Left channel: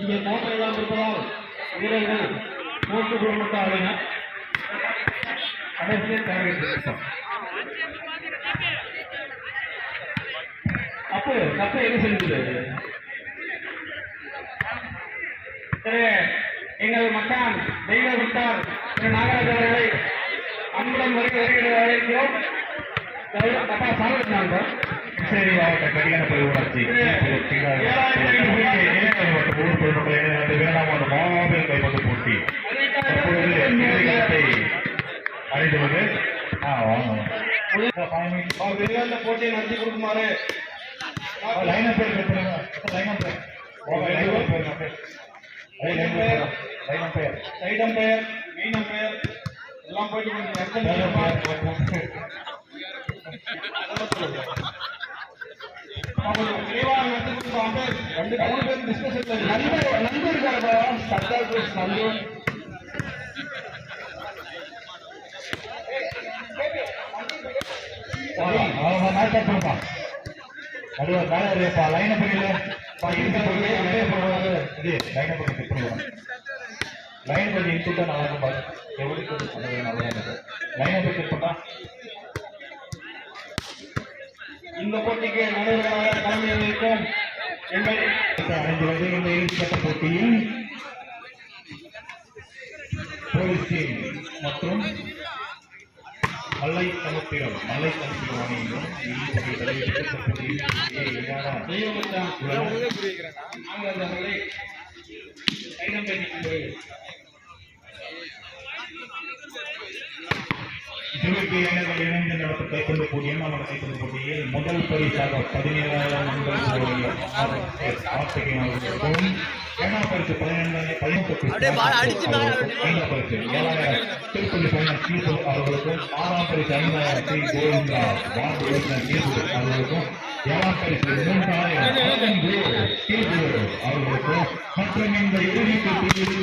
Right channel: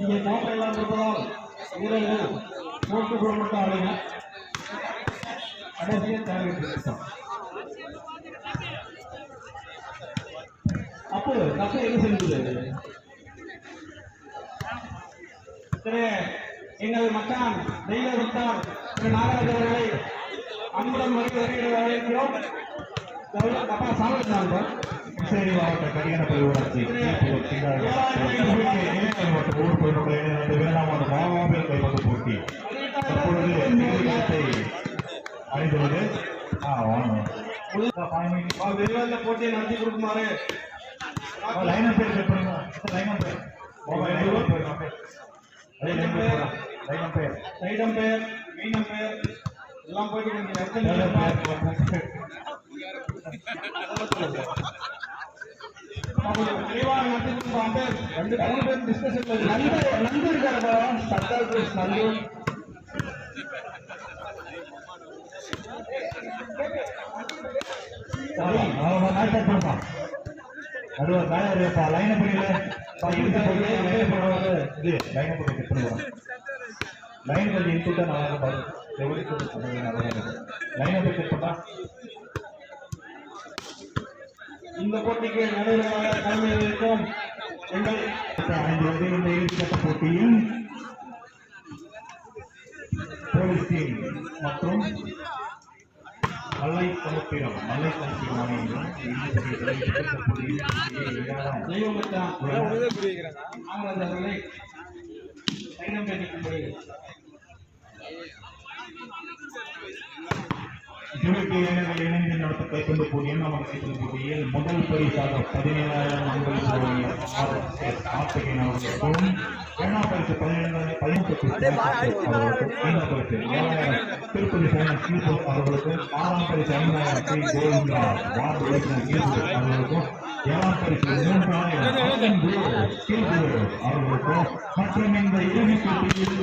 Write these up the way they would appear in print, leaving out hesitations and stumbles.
இங்கே தோற்றெல்லாம் இருப்பதால் வீரர்கள் போட்டு போட்டார்கள். கடைசியில் தலைவர் அப்போ தப்ப எது செலுத்துது? எங்கள் மக்கான் தெய்வ விட்டார் நாகராஜ் அவர்களை அன்புடன் வருகிறோம். தப்பா சாப்பிட்டாங்க. சரி, அவர்கிட்ட கடிகார ஊராட்சி மாமாவில் கைப்பற்று போட்டி அழைத்துள்ளது. போட்டியை நடத்தி கொடுக்குமாறு லைன் பேர் சைட் அம்பையர் மெயின் அம்பையர் எல்லாம் போயிட்டு லைன் கொஞ்சம் இன்சுட்டா நல்லா இருக்கும். எப்படி நல்லா இருக்கும். லைன் போட்டா இந்த போட்டிக்கு நடுவராக தலைமையேற்கும் எங்கள் இந்த இறுதிப்பட்ட போட்டியில் போலீஸ் டீம் மற்றும் மலை கலப்பிடம் அணியிலும் இணைந்து நடத்த கைப்பந்து போட்டியில் நாம் கைப்பந்து போட்டியில் முதல் பரிசாக 17,000 ஆசிரியர்களுக்கும் ஏழாம் பரிசு 15,000 திருப்பதி கீழ்போல் அவர்களுக்கும் ஆறாம் பரிசு 5,000 கோவிந்தா அவர்களுக்கும் ஏழாம் பரிசு 3,000 அவர்களுக்கும் மற்றும் இந்த இறுதி போட்டியில்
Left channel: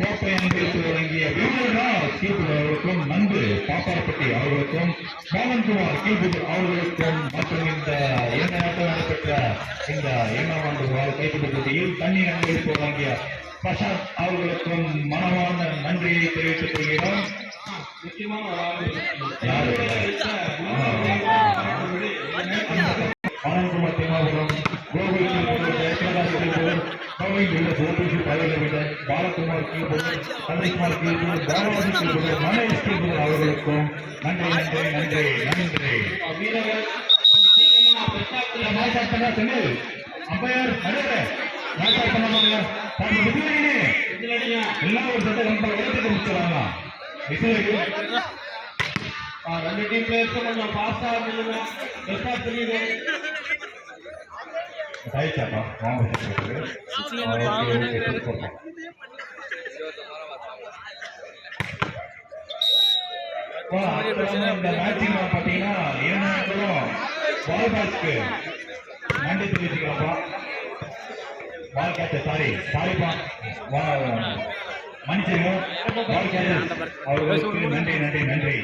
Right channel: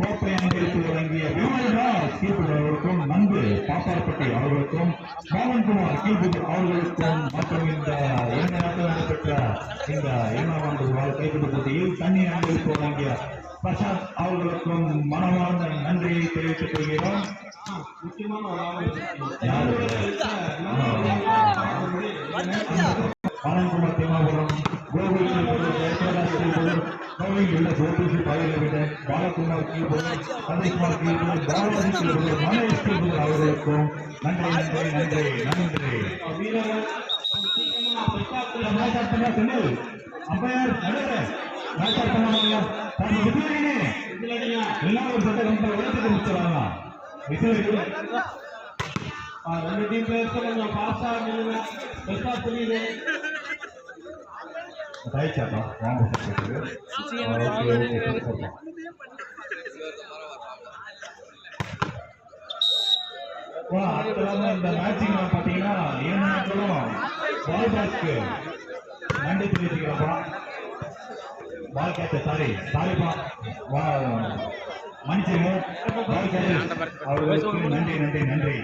கோப்பையை பிரித்து வழங்கிய அவர்களுக்கும் நன்கு பாப்பாப்பட்டி அவர்களுக்கும் பாலன்குமார் கீழ்புது அவர்களுக்கும் மற்றும் இந்த எந்த நாட்டில் நடைபெற்ற இந்த 7ஆம் ஆண்டு கைப்பந்து போட்டியில் தண்ணீர் அன்பளிப்பு வழங்கிய பிரசாத் அவர்களுக்கும் மனமார்ந்த நன்றியை தெரிவித்துக் கொள்கிறோம். பாலன்குமார் திருமாவளவன் உள்ள கோபூசி பாலியல் பாலகுமார் சந்தேஷ்குமார் அவர்களுக்கும் நன்றி நன்றி நன்றி நன்றி. அம்பையர் எல்லாம் ஒரு சட்ட வளர்த்து முடிச்சாங்க. ரெண்டு டீம் பிளேயர்ஸ் பாஸ்டா புரியுது. தாய்ச்சாப்பா வாங்க இந்த மேட்சிங் பார்த்தீங்கன்னா ஏனாலும் பால் பேட்ஸ்க்கு நன்றி தெரிவிச்சுக்கலாம்ப்பா. பால் கேட்ச சாரிப்பா மன்னிச்சிருங்க. பால் கேட்ச அவர்களுக்கு நன்றி நன்றி நன்றி.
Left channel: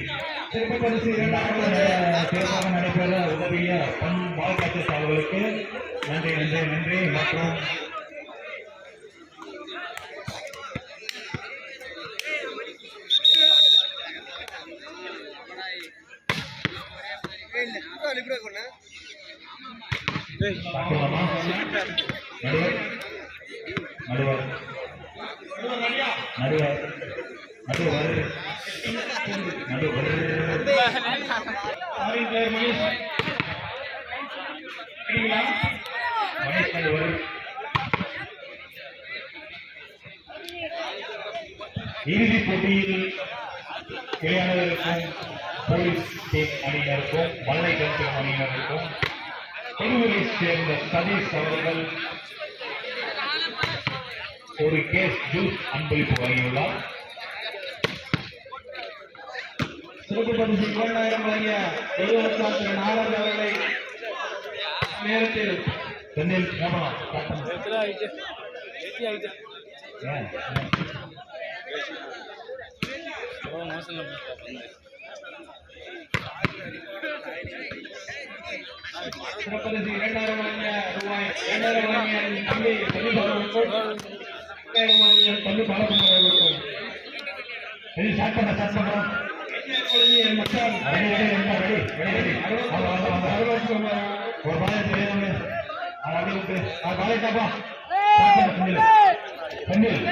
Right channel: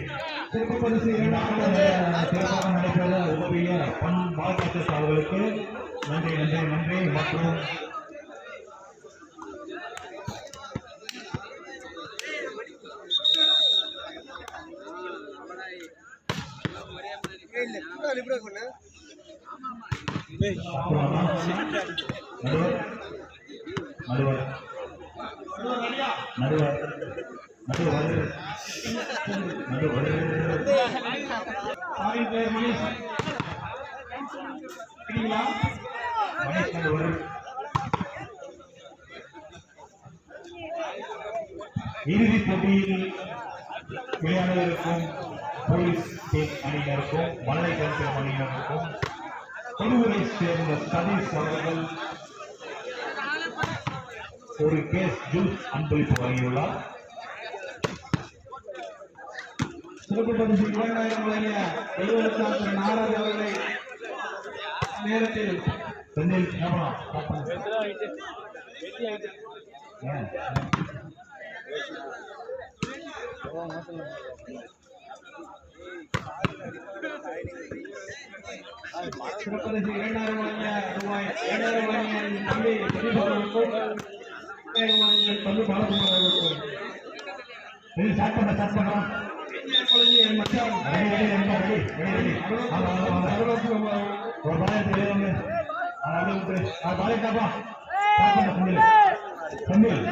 சிறப்பு பரிசு 2ஆவது சிறப்பாக நடைபெற உதவிய பால் கேட்சஸ் அவர்களுக்கு நன்றி நன்றி நன்றி. மற்றும் இறுதிப் போட்டியில் விளையாடுவதற்கும் போலீஸ் அணியினருக்கும் மலை கல்வி அணியினருக்கும் தெருவை சேர்ந்த சதீஷ் அவர்கள் ஒரு கேஸ் ஜூஸ் அன்பளிப்பு வழங்கியுள்ளார். சிறப்பு பரிசு 2,000 வழங்கிய நாகராஜ் அவர்களை நேரத்தில் சென்னையில் சிறப்பரிசு 2000 வழங்கிய ரூபாய் 2000 வழங்கிய தம்பி சதீஷ் அவர்களுக்கும் 2000 வழங்கிய தம்பி பாலகுமார் அவர்களுக்கும் இது சட்டமா சட்டமா 2000 வழங்கிய என் மச்சான் ரெடி ரெடி ரெடி ரெடி சர்வகுமார் அவர்களுக்கும் ஒரு பாய் தெரியாம அப்படியே பாய் காப்பா செந்தில்